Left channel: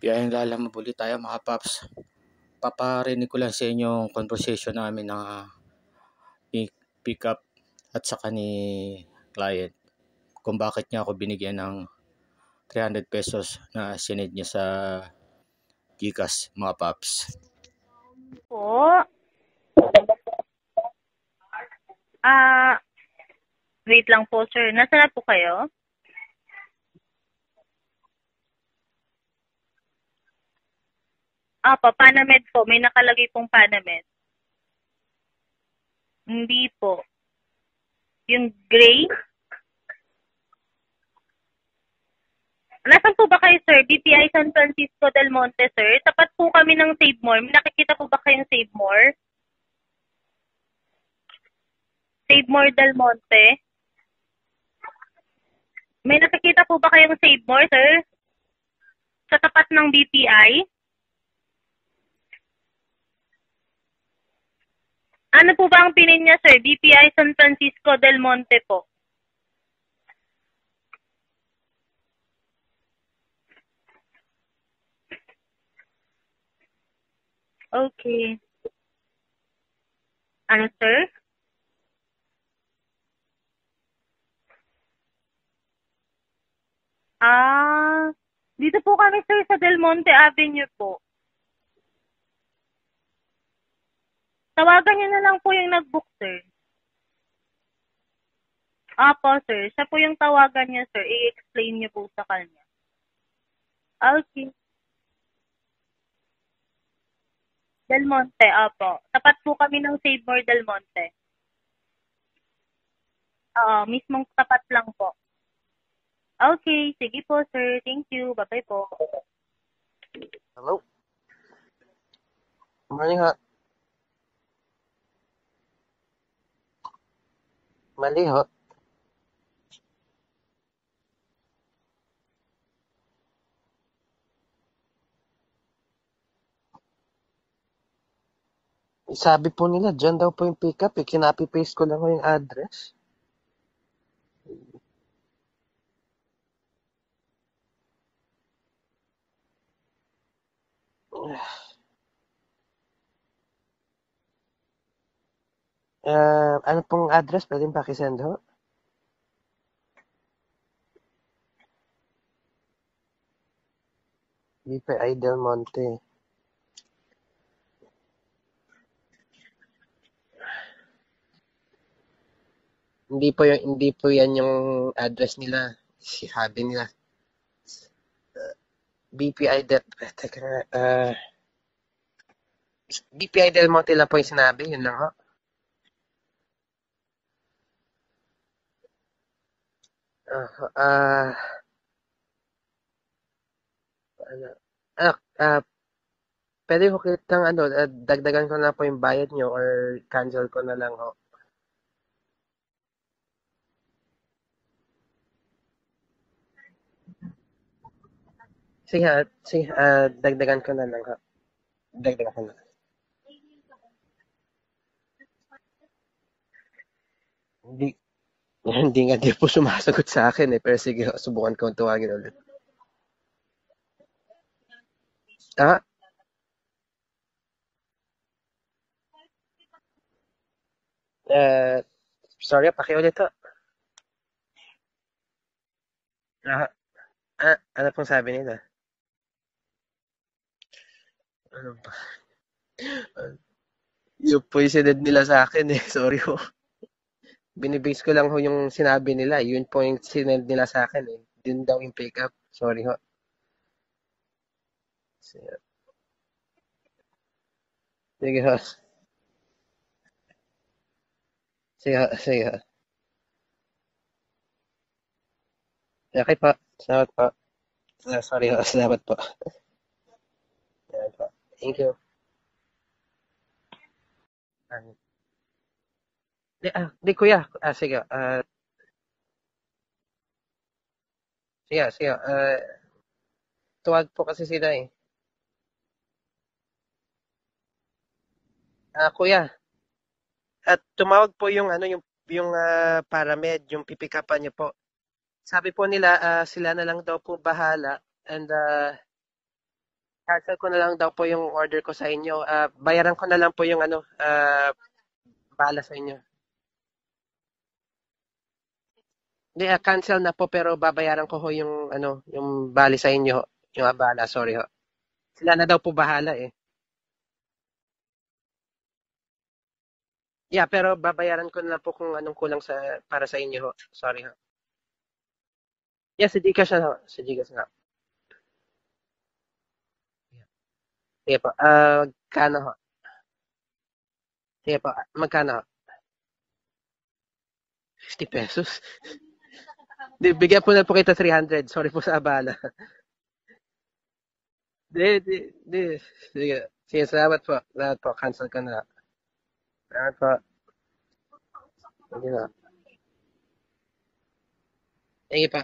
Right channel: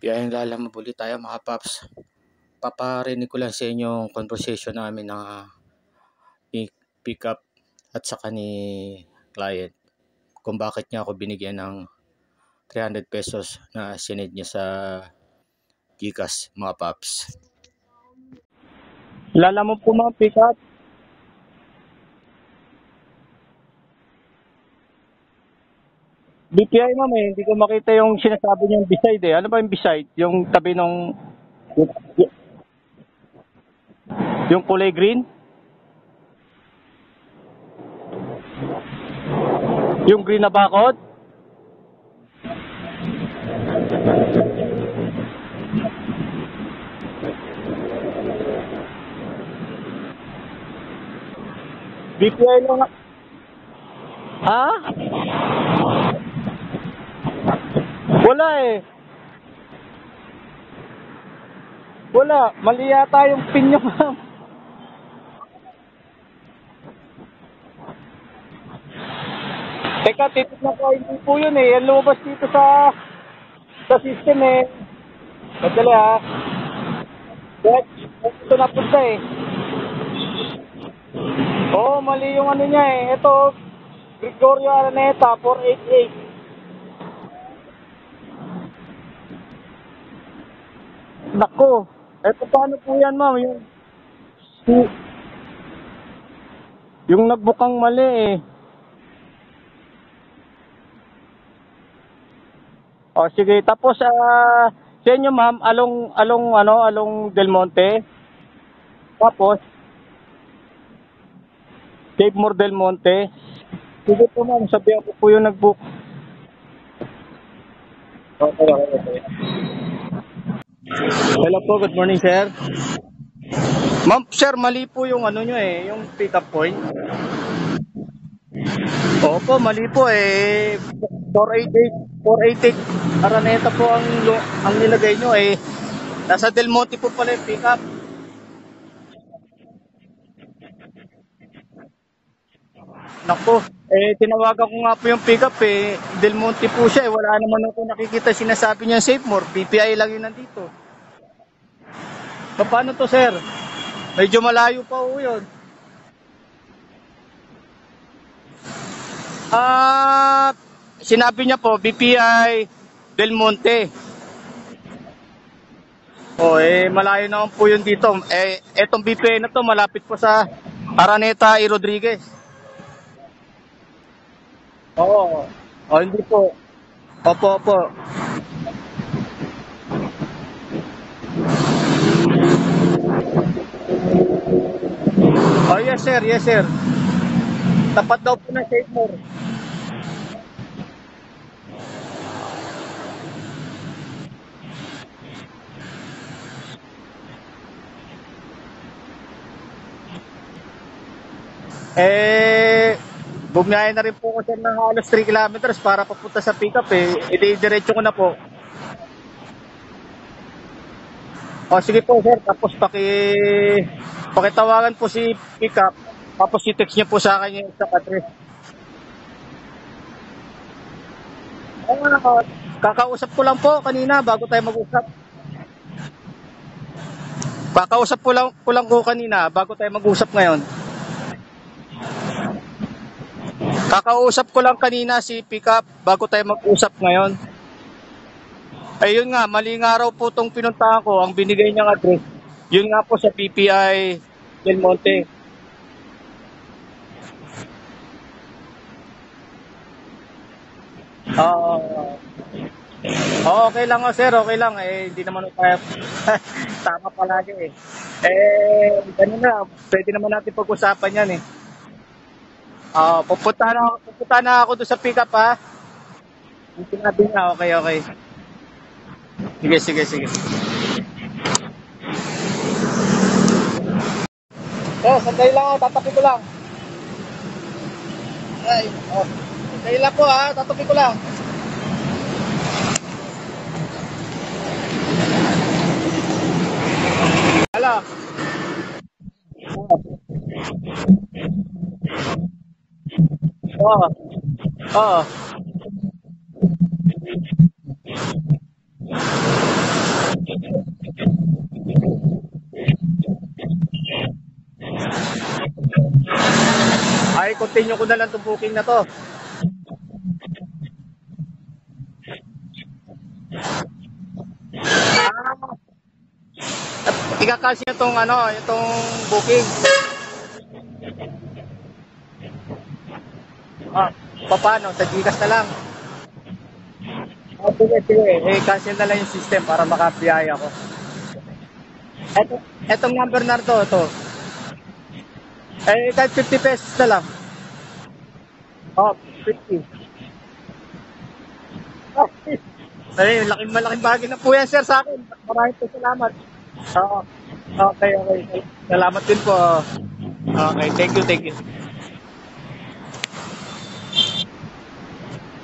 Biyayang lalamabuli tayo mga paps. Paparinig ko lang sa inyo yung conversation namin na pick up at saka ni client kung bakit niya ako binigyan ng 300 pesos na sinend niya sa Gcash mga paps. Po? Lala mo po mga pick up? Wait lang po, sir. Nasaan na po kayo? BPI ma'am hindi ko makita yung sinasabi niyong beside Ano ba yung beside? Yung tabi nung... Panamed po. May nakalagay pong Panamed. Yung kulay green? Hindi po. Yung gray? Yung green na bakod? Nasaan po ba kayo, sir? BPI San Francisco del Monte, sir. Tapat po kami ng Save More. May nakikita po ba kayong Save More? Save More del Monte? Ha? May nakikita po ba kayong Save More, sir? Wala Sa tapat ng BPI? Wala. Mali yata yung pin niyo ma'am. Ano po ba ang pinin niya, sir? BPI San Francisco del Monte po. Teka, titignan ko. Hindi po yun Yan lumabas dito sa system Madali Okay. Ito napunta Ano, sir? Oo, mali yung ano niya Ito, Gregorio Araneta, 488. Dito po kami, sir, sa Del Monte Avenue po. Nako. Eto paano po yan ma'am? Tawagan niyo na lang po yung nag-book, sir. Yung nagbukang mali Apo, sir. Siya po yung tawagan niya, sir. I-explain niyo po sa kanya. O sige, tapos Okay. sa inyo ma'am, along Del Monte? Del Monte, apo. Tapat po Tapos? kami ng Save More Del Monte. Save More Del Monte? Oo, mismo Sige po tapat ma'am, lang sabihan po. ko po yung nag-book. Okay, sige po, sir. Thank you. Bye-bye po. Hello po, good morning sir. Morning ho. Ma'am, sir, mali po yung ano nyo yung pick up point. Mali ho. Opo, mali po 488 Araneta po ang nilagay nyo nasa Del Monte po pala yung pick up. Sabi po nila, dyan daw po yung pick-up Kinapi-paste ko lang ho yung address. Nako, tinawagan ko nga po yung pick up Del Monte po siya wala naman ako nakikita sinasabi niya Save More, BPI lang yun nandito. Paano to sir? Medyo malayo pa po yun. Ano pong address? Pwede pakisend ho? Sinabi niya po BPI Del Monte. BPI Del Monte. Malayo naman po yun dito. Etong BPI na to malapit po sa Araneta y Rodriguez. Hindi po yan yung address nila. Hindi po. Sabi nila. Opo. BPI Del Monte lang po yung sinabi nyo lang ho. Yes sir. Tapat daw po na Save More. Pwede ko kitang dagdagan ko na po yung bayad nyo or cancel ko na lang ho. Bumiyahe na rin po ko sir ng halos 3 kilometers para papunta sa pick up diretso ko na po. Sige, dagdagan ko na lang ho. Sige po sir, tapos pakitawagan po si pick up, tapos i-text niya po sa akin yung address. Hindi po sumasagot sa akin pero sige, subukan ko tuwagin. Kakausap ko lang po kanina bago tayo mag-usap. Kakausap ko lang kanina bago tayo mag-usap ngayon. Sorry, pakiulit ho. Kakausap ko lang kanina si pick up bago tayo mag-usap ngayon. Ano pong sabi nila? Ayun nga, mali nga raw po itong pinuntahan ko, ang binigay niyang address. Yun nga po sa BPI. Yun po yung sinend nila sa akin sorry ho. Binibase ko lang ho yung sinabi nila. Yun po yung sinend nila sa akin Yung daw yung pick up. Sorry ho. Okay lang ho sir, okay lang. Hindi naman kaya tama palagi ganun na, pwede naman natin pag-usapan yan Sige. Pupunta na ako doon sa pick up Okay po. Salamat po. Okay. Sorry ho, salamat po. Sige. Thank you. Sandali lang tatapi ko lang. Hindi kuya. Sige. Sandali lang po tatapi ko lang. Sige. Tuwad po kasi sila Hala. Kuya. At tumawag po yung Paramed, yung pick-upan niyo po. Oo. Sabi po nila sila na lang daw po bahala and cancel ko na lang daw po yung order ko sa inyo. Bayaran ko na lang po yung bahala sa inyo. Ay, continue ko na lang itong booking na to. Hindi, cancel na po pero babayaran ko ho yung yung bali sa inyo. Yung abala, sorry ho. Sila na daw po bahala eh. Ika-cancel niyo itong booking. Yeah, pero babayaran ko na lang po kung anong kulang para sa inyo ho. Ah, Sorry ho. paano? Sa Gcash na lang. Yeah, sa Gcash na ho. Sa Gcash na. Sige. Cancel na lang yung system para makabiyaya ako. Sige po. Kano ho? Etong number na ito. Sige po. Magkano ho? Kahit 50 pesos na lang. 50 pesos? Oh, 50. Di, bigyan po na po kita 300. Sorry po sa abala. Ay, malaking bagay na po yan, sir, sa akin. Maraming salamat. Sige, salamat po. Okay. Cancel ko na. Salamat din po. Salamat po. Okay, thank you. Sige pa.